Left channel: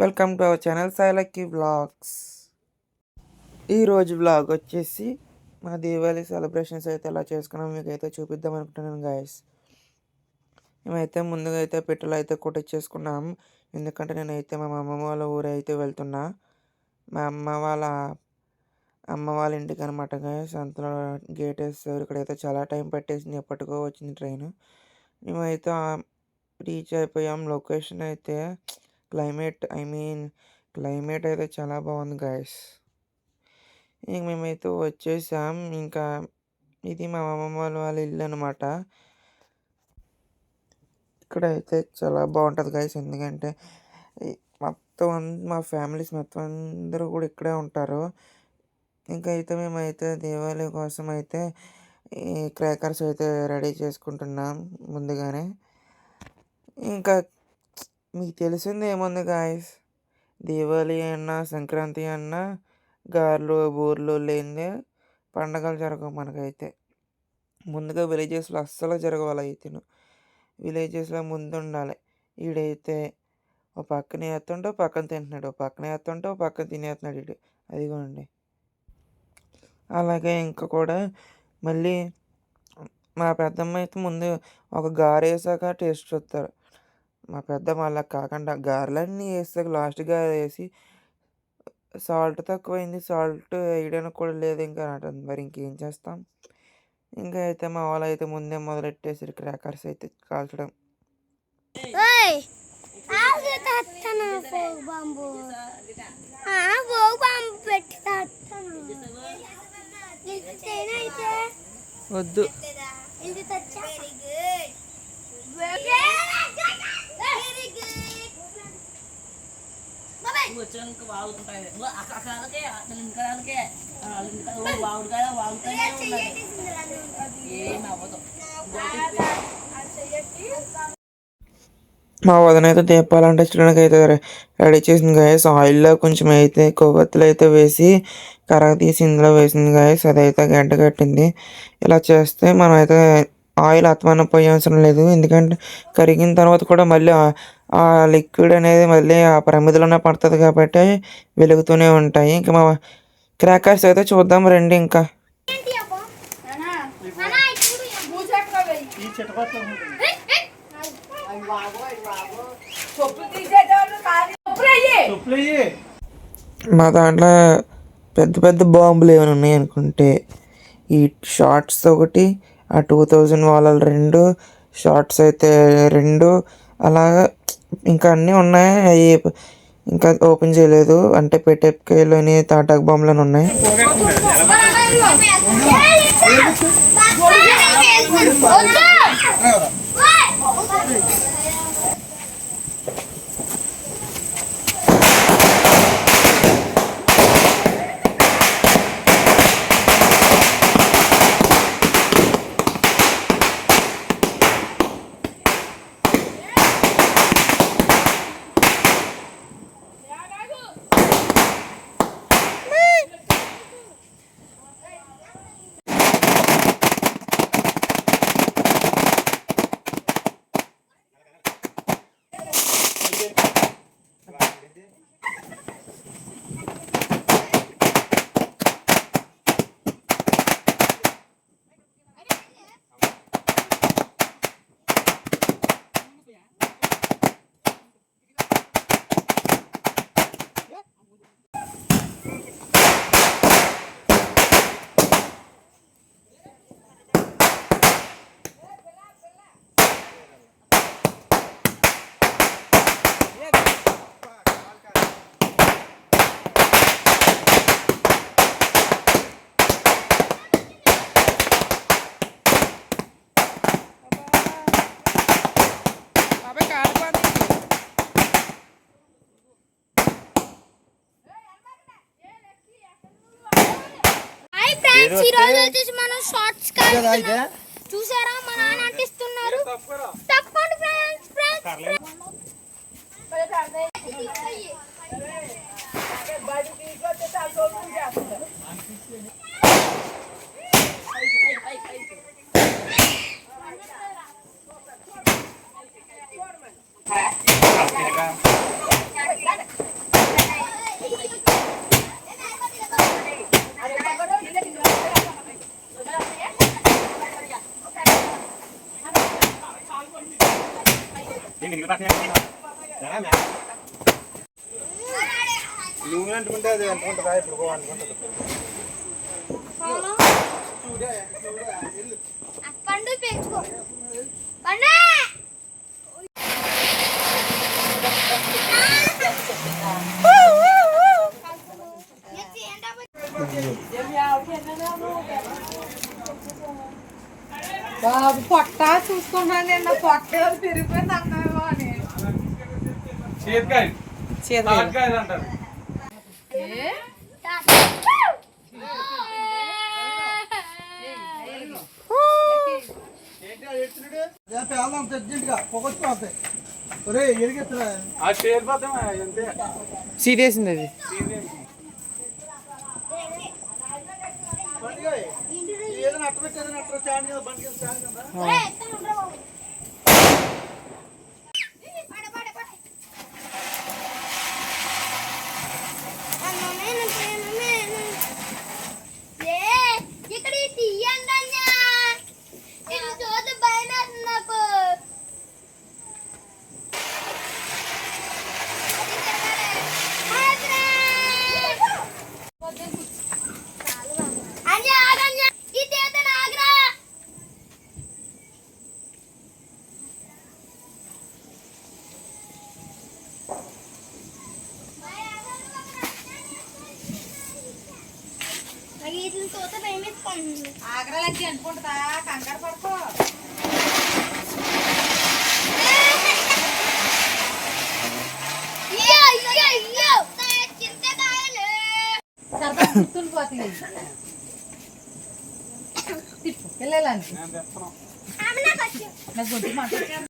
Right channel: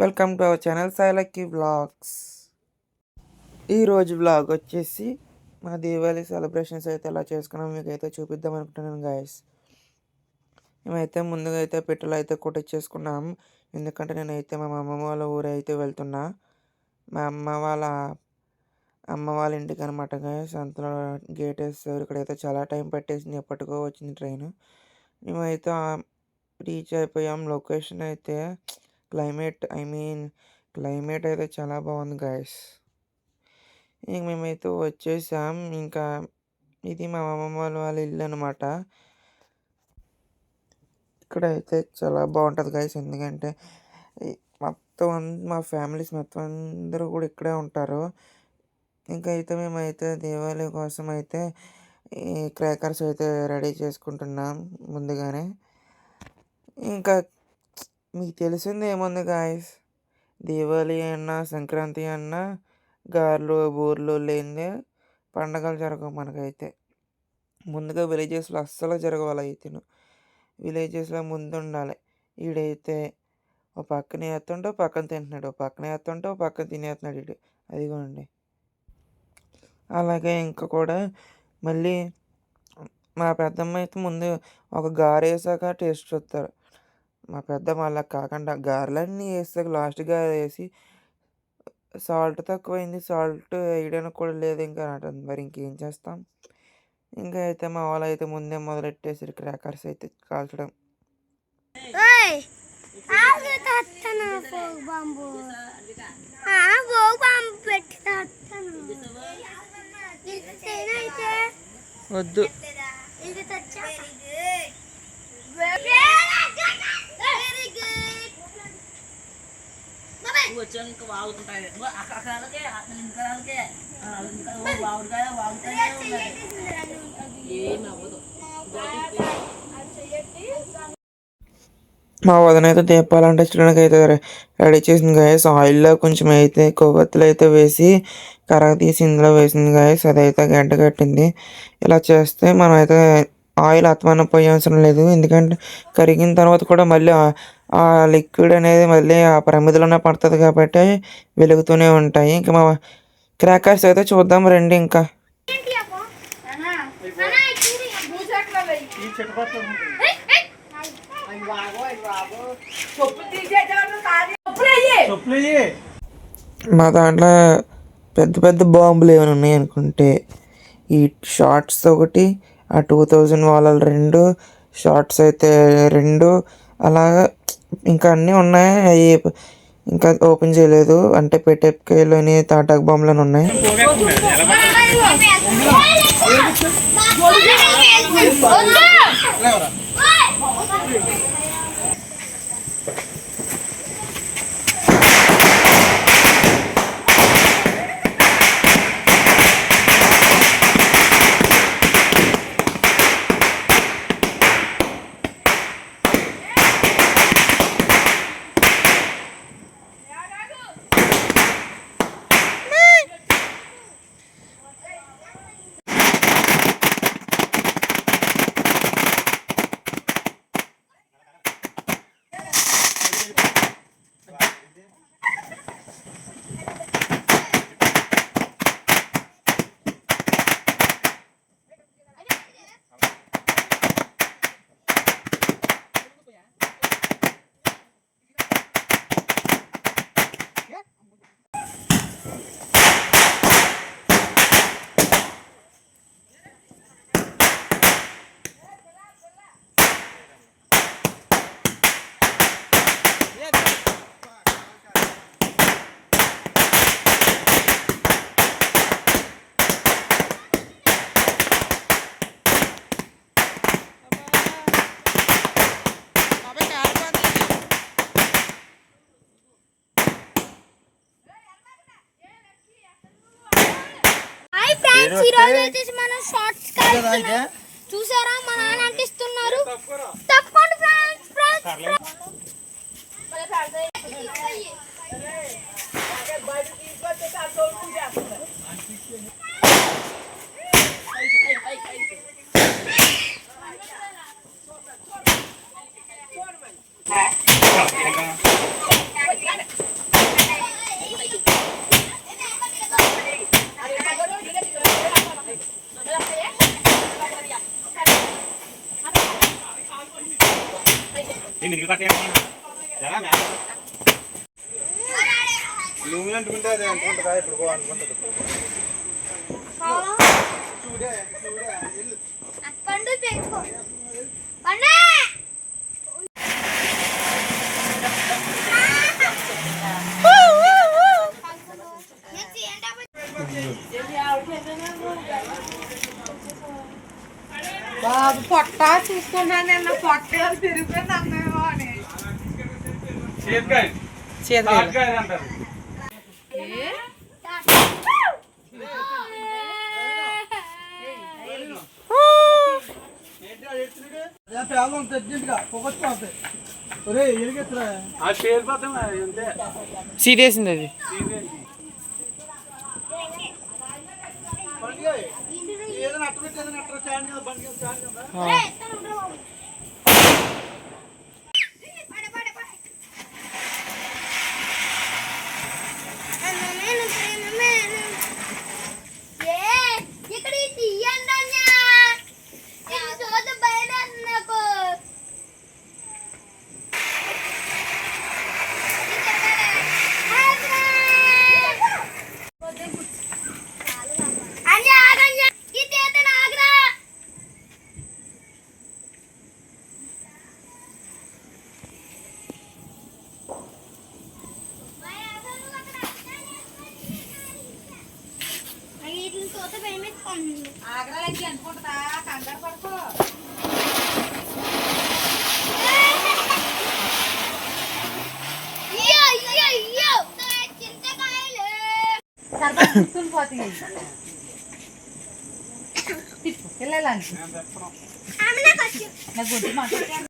Welcome to our channel Sailucky vlogs. ఈరోజు vlog వచ్చేసి మా దీపావళి సెలబ్రేషన్స్ అయితే ఎలా చేసుకున్నాం మీకు అయితే చూపిద్దాం అనుకుంటున్నాను గాయస్. మేమైతే ముందుగా అయితే పెట్టెలు అయితే కొట్టించేసుకున్నాం. ఎందుకంటే నేనైతే మా అమ్మమ్మ వాళ్ళ ఊరు అయితే వెళ్తున్నా, మా అమ్మ వాళ్ళ ఇంటికి అనమాట గాయస్. అంతలో గేట్ వేస్తారు. ఇక్కడైతే చాలా టైం పట్టేసింది, ఎప్పటికో వచ్చింది ట్రైన్. మేమైతే రీచ్ అయిపోయాం. లొకేషన్ అయితే క్లైమేట్ అయితే చాలా బాగుంది గాయస్. ఇంక మేమైతే వచ్చేసాం. ఇంకా ఇది మా అమ్మమ్మ వాళ్ళ ఇల్లు అనమాట. ఇక్కడ అయితే చాలా బాగుంటుంది గాయస్, ఎందుకంటే మా ఫ్యామిలీస్ మొత్తం అందరూ కూడా ఇక్కడే ఉంటారు. ఇంకా అయితే మేమైతే దీపావళి కోసం అయితే ఈ క్రాకర్స్ అయితే రెడీ చేసుకుంటున్నాం ముందుగానే. ఇంకా మీకు తెలిసింది ఏముంది గాయస్, దీపావళి అన్నా సంక్రాంతి అన్నా గారెలు బూరెలు లేనిదే పండగలు జరగవు మనకైతే. ముందుగా విలేజెస్లో అస్సలు జరగవాలి అయితే, విలేజెస్లో ముందు ఉండాలి. ఈడైతే ఓ పక్కన వేస్తుంటే ఓ పక్కన తింటున్నాడు, ఓ పక్కన వేస్తుంటే ఓ పక్కన తినేస్తున్నాడు ఇడు. అదిగోండి. అలాగే ఇంకా కూడా మళ్ళీ మా పెద్దమ్మ అయితే ముందు ఒక గారె వేసాక టేస్ట్ చూస్తారు. మా పెద్దమ్మ అలా కాకుండా గారెలన్నీ వేసాక లాస్ట్ గారె వేసి సాల్ట్ తక్కువైంది, సాల్ట్ వేయడానికి కూడా లేదు ఇంకా అంటుంది. మరి ఇంకేం చేస్తాం. ఇంకా అయితే మా వాళ్ళు అయితే ముందే మొదలెట్టేసారు క్రాకర్స్ అయితే కాల్చడం. వద్దు, మా వదిన అయితే దీపాలు అంటించడానికి అయితే రెడీ చేసింది గాయస్. ఆయిల్లో కొంచెం అయితే కొవ్వొత్తులు అయితే వేసి కరగ తీసి ఇందులో వేసింది గాయస్. అదైతే గంట కట్టింది. ఇలా చేస్తే మనం అయితే ఆయిల్ అత్మానం పోయవసరం లేదు, ఎందుకంటే కరిగిన తర్వాత కూడా మళ్ళీ ఆ లిక్విడ్ అనేది మళ్ళీ ఆ ప్రమిదలోనే పడుతుంది కాబట్టి వెలుగుతూనే ఉంటాయి. ఇంకా మా క్రాకర్స్ అయితే చూద్దాం రండి. ఇంకా మా దాంట్లో పెద్ద పెద్ద బాంబులు ఏమైనా ఉన్నాయి అనుకుంటే ఈ షార్ట్స్ ఒకటి, ఆ 2000 వాళ్ళ 2 షార్ట్స్ అయితే 2, అలాగా ఇంకా అన్నీ ఉన్నాయి. అవి ఇంకా ఓపెన్ చేయలేదు, అంటే పెట్టెలోని తాటాకు బాంబులని ఉన్నాయి. చూసారా మా నాన్న అంటిస్తున్నారు. తప్పకుండా నువ్వు అంటుకుంటే అది అనుకుంటుందా ఇప్పుడు అనుకుంటుంది పండు పెంచుకో పండు బాబు పొట్ట చూసుకున్నాను నిన్న పొట్ట తిరిగిపోయింది అన్నావా అని చేతకాయ అంటారు సీరియస్ అది. ఇక్కడ తీయండి చూద్దు బయట నాకు ఆగ్రలకి అనుకుంటుందా కంగారు పడుకో పోతుంది వెళ్ళాలని నాకు గుడ్డు మాట్లాడుతున్నాను